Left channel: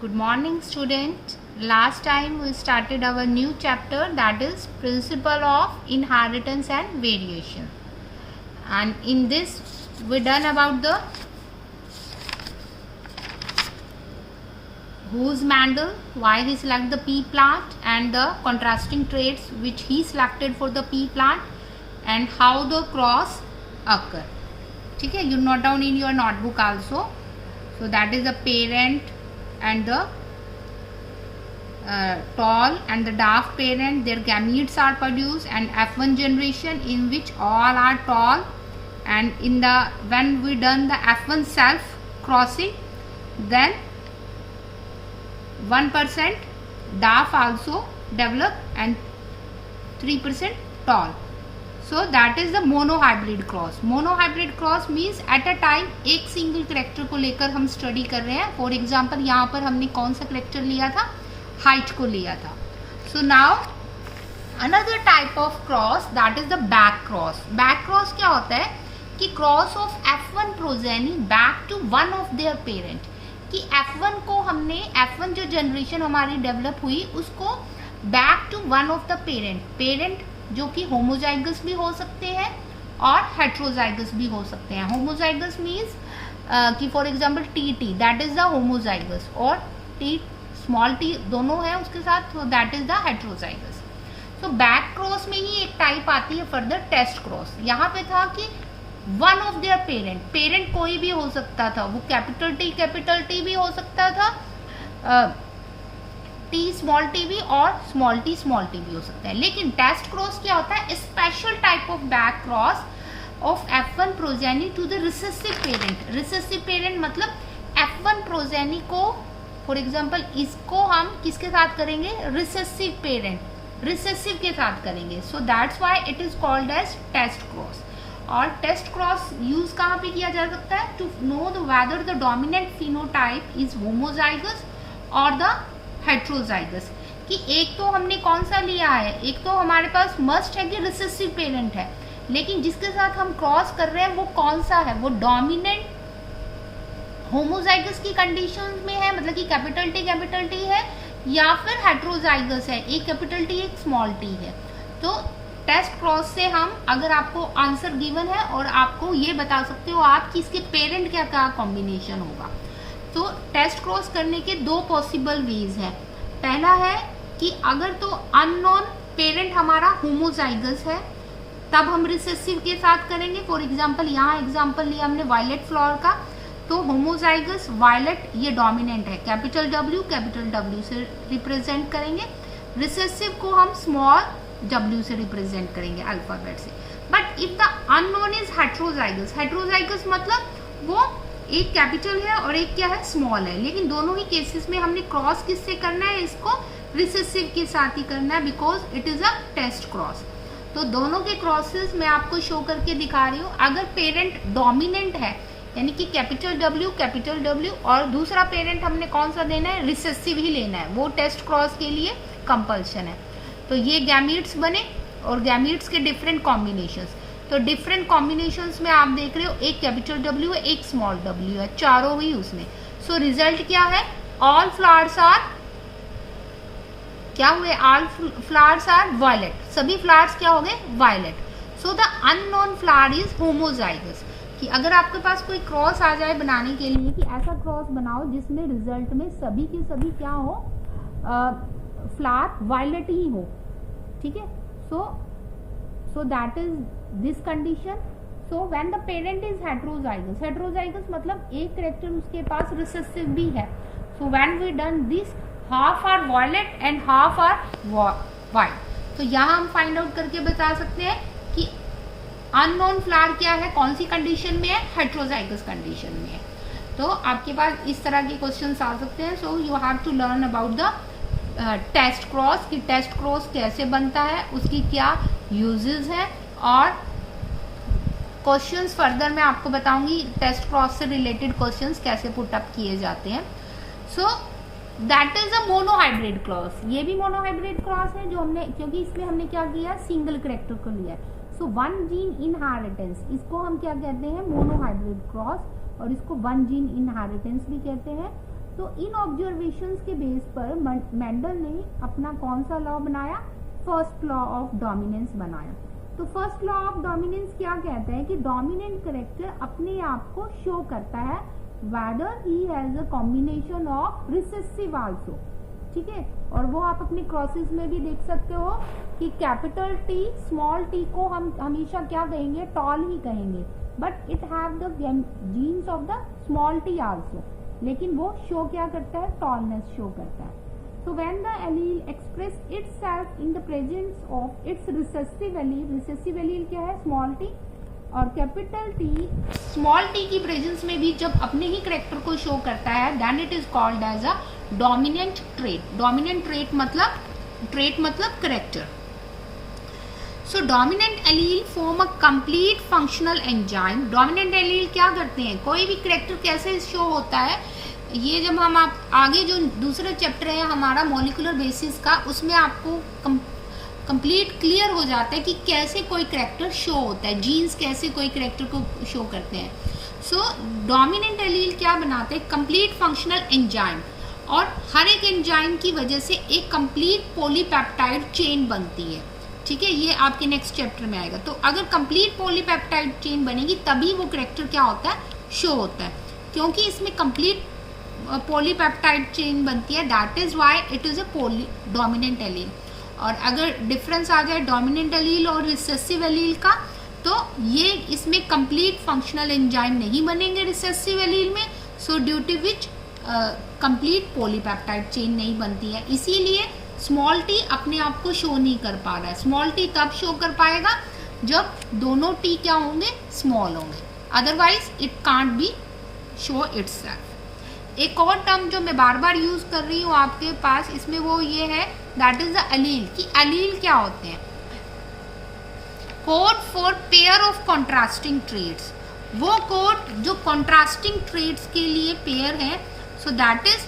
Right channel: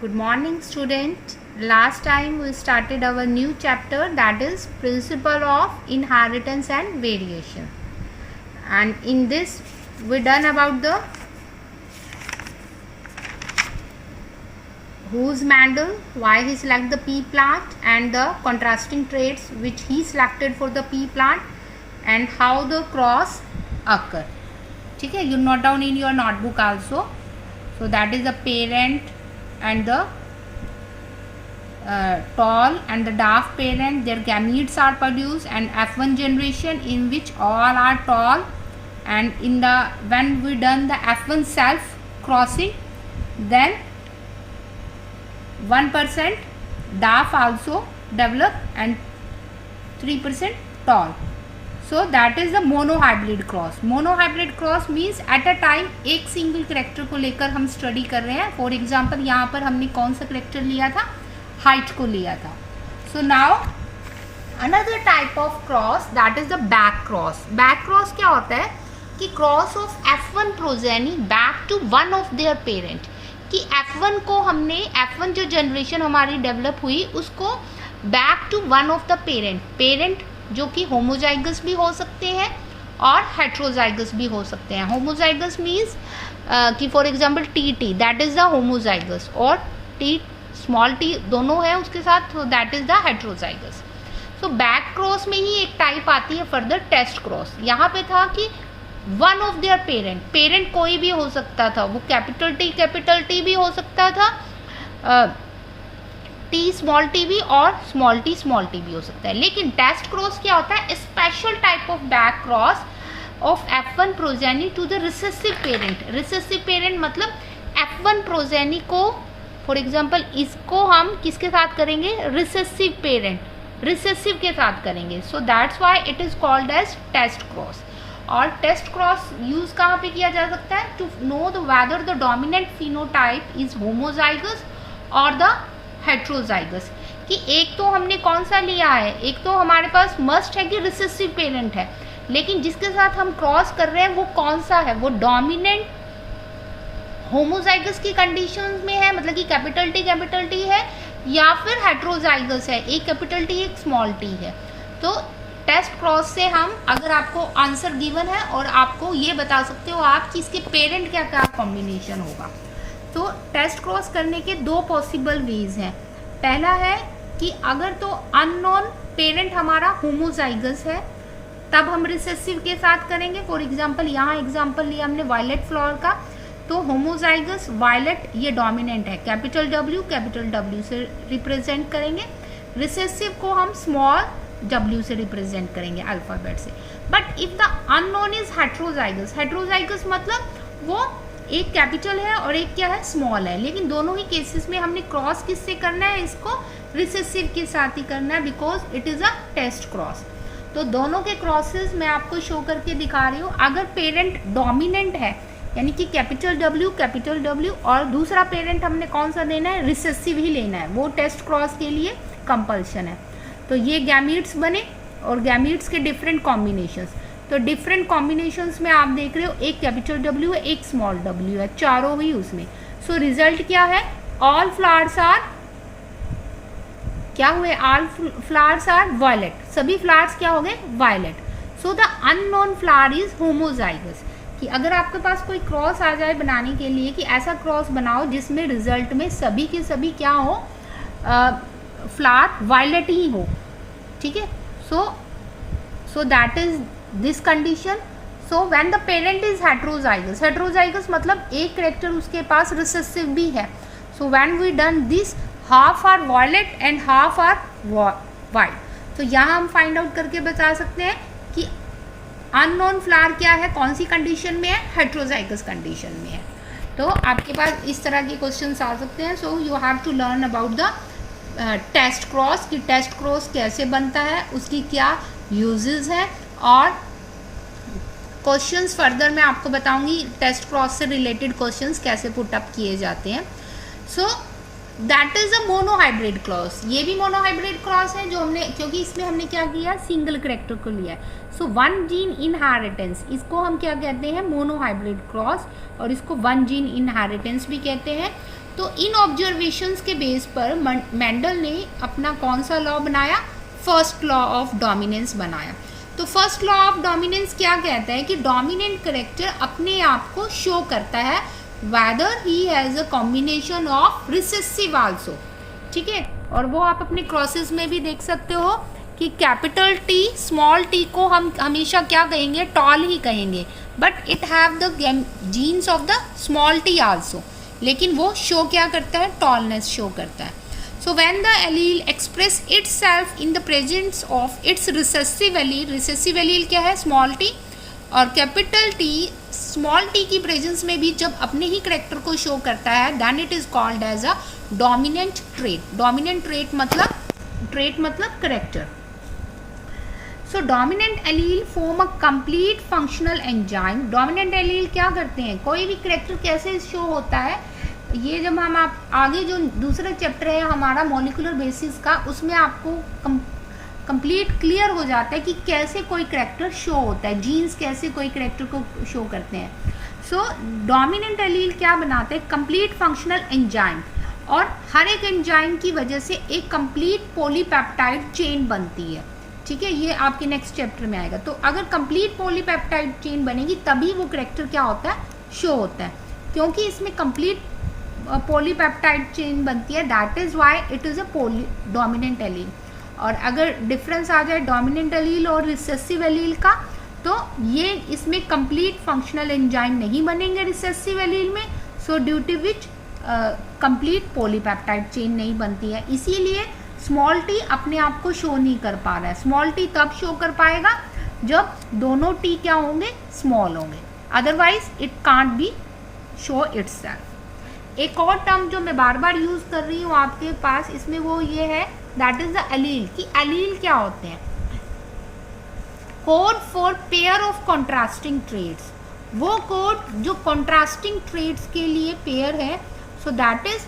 Good morning, student. Last time we started our new chapter, that is Principle of Inheritance and Variation. And in this we done about the whose Mendel, why he selected the pea plant and the contrasting traits which he selected for the pea plant and how the cross occur. ठीक है, you note down in your notebook also. So that is the parent and the tall and the dwarf parent, their gametes are produced, and F1 generation in which all are tall, and in the when we done the F1 self crossing, then 1% dwarf also develop and 3% tall. So that is the monohybrid cross. Monohybrid cross means at a time एक single character को लेकर हम study कर रहे हैं. For example यहाँ पर हमने कौन सा करेक्टर लिया था, हाइट को लिया था. So now another type of cross that is the back cross. Back cross क्या होता है कि cross of F1 progeny back to one of their parent. कि F1 को हमने F1 जो जनरेशन हमारी डेवलप हुई उसको back to one of the parent जो कि होमोजाइगस भी हो सकते हैं और हेट्रोजाइगस भी हो सकते हैं. होमोजाइगस मीन्स कि for example T that is the homozygous और टी स्मॉल टी दोनों है उसके साथ, तो that is the heterozygous. So back cross में ही एक टाइप आती है फर्दर टेस्ट क्रॉस. यहाँ पे था कि वन ऑफ देयर पेरेंट कोई भी हो सकता था, वो कैपिटल टी भी हो सकता था, टी स्मॉल टी भी और स्मॉल टी भी हो सकता है. लेकिन टेस्ट क्रॉस क्या होता है, special type of back cross of F1 progeny to the recessive parent. Recessive parent मतलब F1 प्रोजेनी को, फॉर एग्जांपल इसको हम किसके साथ करेंगे, रिसेसिव पेरेंट रिसेसिव के साथ करेंगे. So that's why it is called as test cross. और टेस्ट क्रॉस यूज कहाँ पे किया जा सकता है, to know the weather the dominant phenotype is homozygous और द हेट्रोजाइगस. कि एक तो हमने कौन सा लिया है, एक तो हमारे पास मस्ट है कि रिसेसिव पेरेंट है, लेकिन जिसके साथ हम क्रॉस कर रहे हैं वो कौन सा है, वो डोमिनेंट होमोजाइगस की कंडीशन में है, मतलब कि कैपिटल टी है, या फिर हेट्रोजाइगस है, एक कैपिटल टी एक स्मॉल टी है. तो टेस्ट क्रॉस से हम, अगर आपको आंसर गिवन है और आपको ये बता सकते हो आप कि इसके पेरेंट क्या क्या कॉम्बिनेशन होगा. तो टेस्ट क्रॉस करने के दो पॉसिबल वेज हैं. पहला है कि अगर तो अननोन पेरेंट हमारा होमोजाइगस है तब हम रिसेसिव के साथ करेंगे. फॉर एग्जांपल यहाँ एग्जांपल लिया हमने वायलेट फ्लावर का, तो होमोजाइगस वायलेट ये डोमिनेंट है, कैपिटल W से रिप्रेजेंट करेंगे. रिसेसिव को हम स्मॉल W से रिप्रेजेंट करेंगे अल्फाबेट से. But if the unknown is heterozygous मतलब वो एक कैपिटल है और एक क्या है, स्मॉल है. लेकिन दोनों ही केसेस में हमने क्रॉस किससे करना है, इसको रिसेसिव के साथ ही करना है, because it is a test cross. तो दोनों के क्रॉसेस मैं आपको शो करके दिखा रही हूँ. अगर पेरेंट डोमिनेंट है यानी कि कैपिटल W और दूसरा पेरेंट हमने कौन सा देना है, रिसेसिव ही लेना है, वो टेस्ट क्रॉस के लिए कंपल्शन है. तो ये गैमीट्स बने और गैमीट्स के डिफरेंट कॉम्बिनेशंस. तो डिफरेंट कॉम्बिनेशंस में आप देख रहे हो एक कैपिटल W है, एक स्मॉल w है, चारों ही उसमें. सो रिजल्ट क्या है, ऑल फ्लावर्स आर क्या हुए, ऑल फ्लावर्स आर वायलेट. सभी फ्लावर्स क्या हो गए, violet. So the unknown flower is homozygous. कि अगर आपके पास कोई क्रॉस आ जाए बनाने के लिए कि ऐसा क्रॉस बनाओ जिसमें रिजल्ट में सभी के सभी क्या हो, फ्लावर वायलेट ही हो, ठीक है. So that is this condition. So when the parent is heterozygous मतलब एक करेक्टर उसके पास रिसेसिव भी है. So when we done this, half are violet and half are white. तो यहाँ हम फाइंड आउट करके बता सकते हैं कि अननोन फ्लावर क्या है, कौन सी कंडीशन में है, हेट्रोजाइगस कंडीशन में है. तो आपके पास इस तरह के क्वेश्चंस आ सकते हैं. So you have to learn about the test cross, कि टेस्ट क्रॉस कैसे बनता है, उसकी क्या यूजेस हैं, और क्वेश्चंस फर्दर मैं आपको बताऊंगी टेस्ट क्रॉस से रिलेटेड क्वेश्चंस कैसे पुट अप किए जाते हैं. So that is a monohybrid cross. ये भी मोनोहाइब्रिड क्रॉस है जो हमने, क्योंकि इसमें हमने क्या किया, सिंगल करेक्टर को लिया है. सो वन जीन इनहेरिटेंस, इसको हम क्या कहते हैं, मोनोहाइब्रिड क्रॉस, और इसको वन जीन इनहेरिटेंस भी कहते हैं. तो इन ऑब्जर्वेशंस के बेस पर मेंडल ने अपना कौन सा लॉ बनाया, फर्स्ट लॉ ऑफ डोमिनेंस बनाया। तो फर्स्ट लॉ ऑफ डोमिनेंस क्या कहता है कि डोमिनेंट करेक्टर अपने आप को शो करता है weather he has a combination of recessive also, ठीक है। और वो आप अपने क्रॉसेस में भी देख सकते हो कि कैपिटल टी स्मॉल टी को हम हमेशा क्या कहेंगे, टॉल ही कहेंगे, but it have the jeans of the small T also, लेकिन वो शो क्या करता है, टॉलनेस शो करता है। So when the allele express itself in the presence of its recessive allele क्या है, स्मॉल टी, और कैपिटल टी स्मॉल टी की प्रेजेंस में भी जब अपने ही करेक्टर को शो करता है, then it is called as a dominant trait. Dominant trait मतलब character. So dominant allele form a complete functional enzyme. Dominant allele क्या करते हैं, कोई भी करेक्टर कैसे शो होता है, ये जब हम आप आगे जो दूसरा चैप्टर है हमारा मॉलिक्यूलर बेसिस का, उसमें आपको कंप्लीट क्लियर हो जाता है कि कैसे कोई करेक्टर शो होता है, जीन्स कैसे कोई करेक्टर को शो करते हैं। सो डोमिनेंट एलील क्या बनाते हैं, कंप्लीट फंक्शनल एंजाइम, और हर एक एंजाइम की वजह से एक कंप्लीट पॉलीपेप्टाइड चेन बनती है, ठीक है। ये आपके नेक्स्ट चैप्टर में आएगा। तो अगर कंप्लीट पॉलीपेप्टाइड चेन बनेगी तभी वो करेक्टर क्या होता है, शो होता है, क्योंकि इसमें कंप्लीट पॉलीपेप्टाइड चेन बनती है, that is why it is a dominant allele. और अगर डिफरेंस आ जाए डोमिनेंट एलील और रिसेसिव एलील का, तो ये इसमें कंप्लीट फंक्शनल एंजाइम नहीं बनेंगे रिसेसिव एलील में, so due to which complete polypeptide chain नहीं बनती है। इसीलिए स्मॉल टी अपने आप को शो नहीं कर पा रहा है। स्मॉल टी तब शो कर पाएगा जब दोनों टी क्या होंगे, स्मॉल होंगे, otherwise it can't be show itself. एक और टर्म जो मैं बार बार यूज कर रही हूँ आपके पास, इसमें वो ये है, दैट इज द एलील। कि एलील क्या होते हैं, code for pair of contrasting traits. वो कोड जो कॉन्ट्रास्टिंग ट्रेट्स के लिए पेयर है, so that is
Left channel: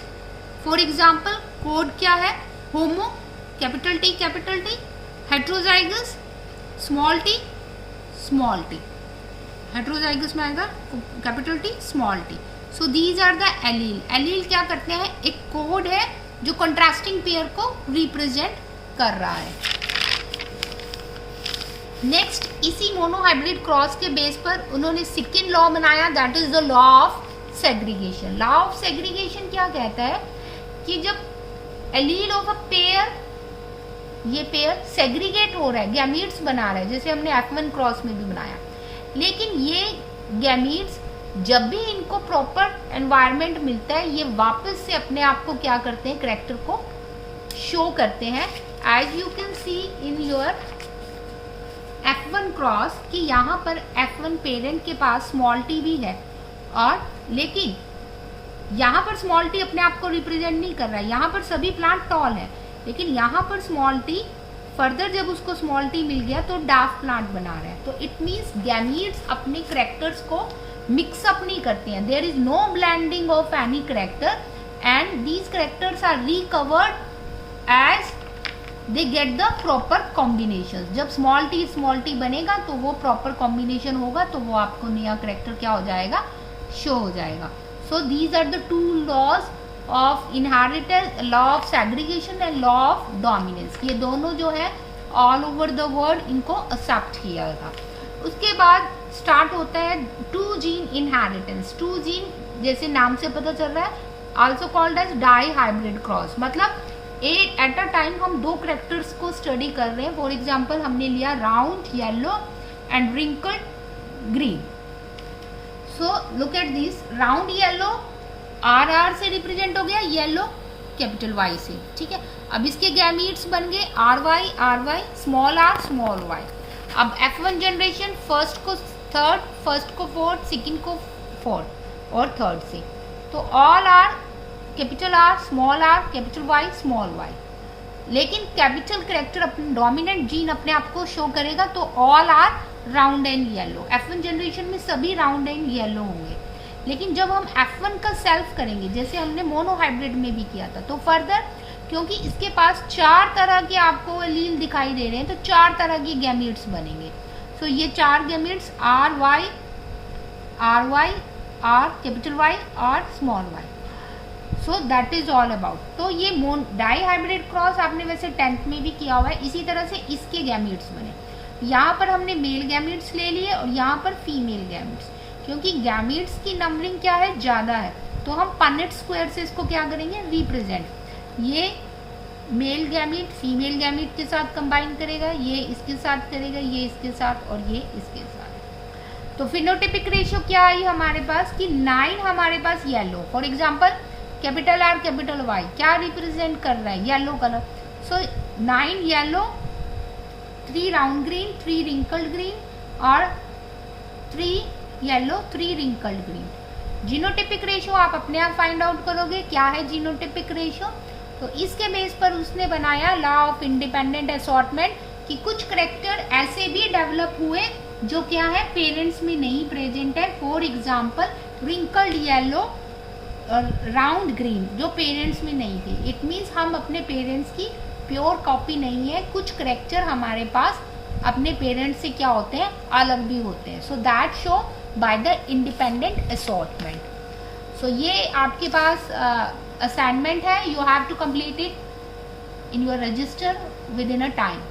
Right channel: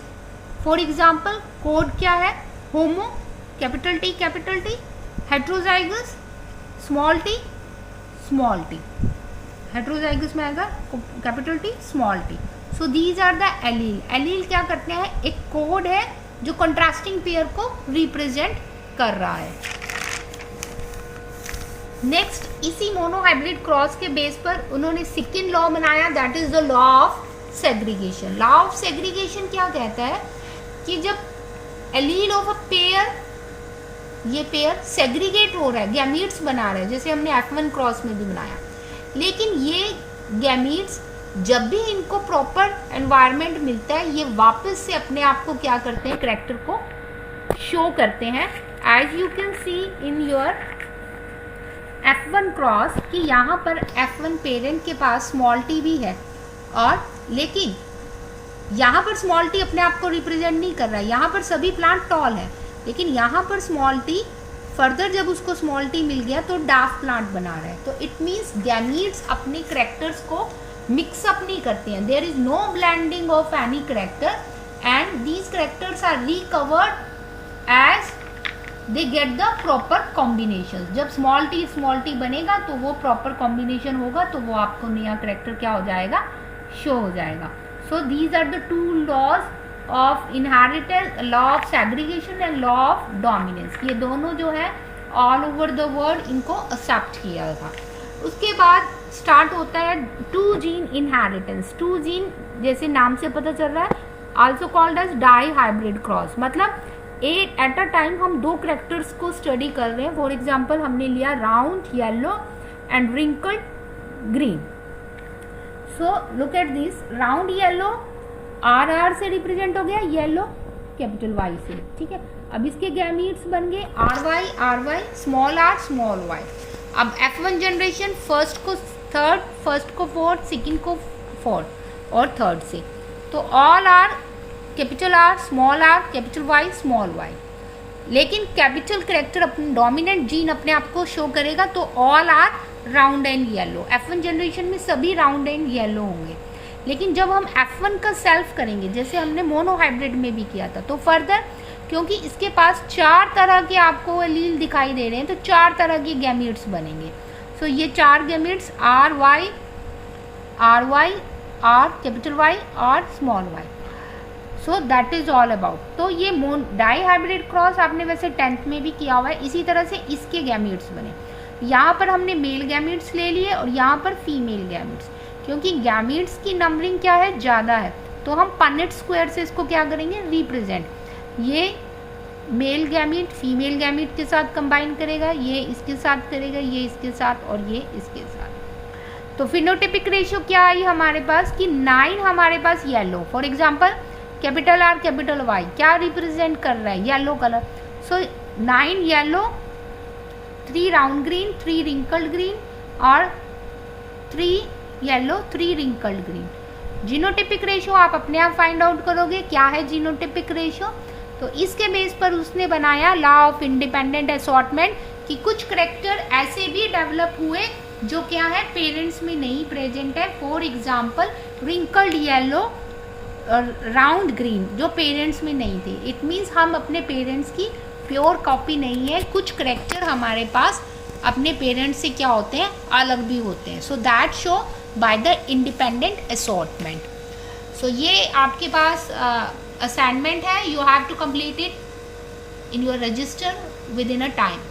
for example code क्या है, homo capital T, heterozygous small T, heterozygous में आएगा capital T small T. So these are the allele. Allele क्या करते हैं, एक कोड है जो कंट्रास्टिंग पेयर को रिप्रेजेंट कर रहा है। नेक्स्ट, इसी मोनोहाइब्रिड क्रॉस के बेस पर उन्होंने सेकंड लॉ बनाया, that is the law of segregation. Law of segregation क्या कहता है कि जब एलील ऑफ अ पेयर, ये पेयर सेग्रीगेट हो रहा है, गैमीट्स बना रहा है, जैसे हमने F1 क्रॉस में भी बनाया, लेकिन ये गैमीट्स जब भी इनको प्रॉपर एनवायरनमेंट मिलता है, ये वापस से अपने आप को क्या करते हैं, करेक्टर को शो करते हैं। As you can see in your F1 cross कि यहाँ पर F1 पेरेंट के पास स्मॉल टी भी है, और लेकिन यहाँ पर स्मॉल टी अपने आप को रिप्रेजेंट नहीं कर रहा है, यहाँ पर सभी प्लांट टॉल है, लेकिन यहाँ पर स्मॉल टी फर्दर जब उसको स्मॉल टी मिल गया तो डार्क प्लांट बना रहा है। तो इट मीन्स गैमीट्स अपने करेक्टर्स को मिक्सअप नहीं करते हैं, there is no blending of any character, and these characters are recovered as they get the proper combination. जब स्मॉल टी बनेगा तो वो प्रॉपर कॉम्बिनेशन होगा, तो वो आपको नया करेक्टर क्या हो जाएगा, शो हो जाएगा। So these are the two laws of inheritance, law of segregation and law of dominance. ये दोनों जो है ऑल ओवर द वर्ल्ड इनको एक्सेप्ट किया था। उसके बाद स्टार्ट होता है two gene inheritance. Two gene जैसे नाम से पता चल रहा है, also called as dihybrid cross, मतलब एट अ टाइम हम दो करेक्टर्स को स्टडी कर रहे हैं। फॉर एग्जाम्पल हमने लिया round yellow and wrinkled green. So look at this, round yellow R से रिप्रेजेंट हो गया, येलो कैपिटल वाई से, ठीक है। अब इसके गैमीट्स बन गए R Y small R small Y. अब F1 जनरेशन फर्स्ट को थर्ड, फर्स्ट को फोर्थ, सेकंड को फोर्थ और थर्ड से, तो all are capital R small R capital Y small Y. लेकिन कैपिटल करेक्टर अपने डोमिनेंट जीन अपने आप को शो करेगा तो all are round and yellow. F1 generation में सभी राउंड एंड येलो होंगे। लेकिन जब हम F1 का सेल्फ करेंगे, जैसे हमने मोनोहाइब्रिड में भी किया था, तो फर्दर क्योंकि इसके पास चार तरह के आपको एलील दिखाई दे रहे हैं, तो चार तरह के गैमीट्स बनेंगे। सो ये चार gametes R Y R capital Y और small Y. So that is all about. तो ये डाई हाइब्रिड क्रॉस आपने वैसे 10th में भी किया हुआ है। इसी तरह से इसके गैमीट्स बने, यहाँ पर हमने मेल गैमीट्स ले लिए और यहाँ पर फीमेल गैमीट्स, क्योंकि गैमीट्स की नंबरिंग क्या है, ज़्यादा है, तो हम पनेट स्क्वायर से इसको क्या करेंगे, रिप्रेजेंट। ये मेल गैमीट फीमेल गैमीट के साथ कंबाइन करेगा, ये इसके साथ करेगा, ये इसके साथ और ये इसके साथ। तो फिनोटिपिक रेशियो क्या आई हमारे पास कि 9 हमारे पास yellow, for example capital R capital Y क्या रिप्रेजेंट कर रहा है, yellow colour. So 9 yellow, 3 round green, 3 wrinkled green और 3 yellow 3 wrinkled green. Genotypic ratio आप अपने आप फाइंड आउट करोगे क्या है जीनोटिपिक रेशियो। तो इसके बेस पर उसने बनाया लॉ ऑफ इंडिपेंडेंट असॉर्टमेंट कि कुछ करेक्टर ऐसे भी डेवलप हुए जो क्या है पेरेंट्स में नहीं प्रेजेंट है। फॉर एग्जाम्पल रिंकल्ड येलो और राउंड ग्रीन जो पेरेंट्स में नहीं थे। इट मीन्स हम अपने पेरेंट्स की प्योर कॉपी नहीं है, कुछ करेक्टर हमारे पास अपने पेरेंट्स से क्या होते हैं, अलग भी होते हैं। So that show by the independent assortment. So ये आपके पास असाइनमेंट है, you have to complete it in your register within a time.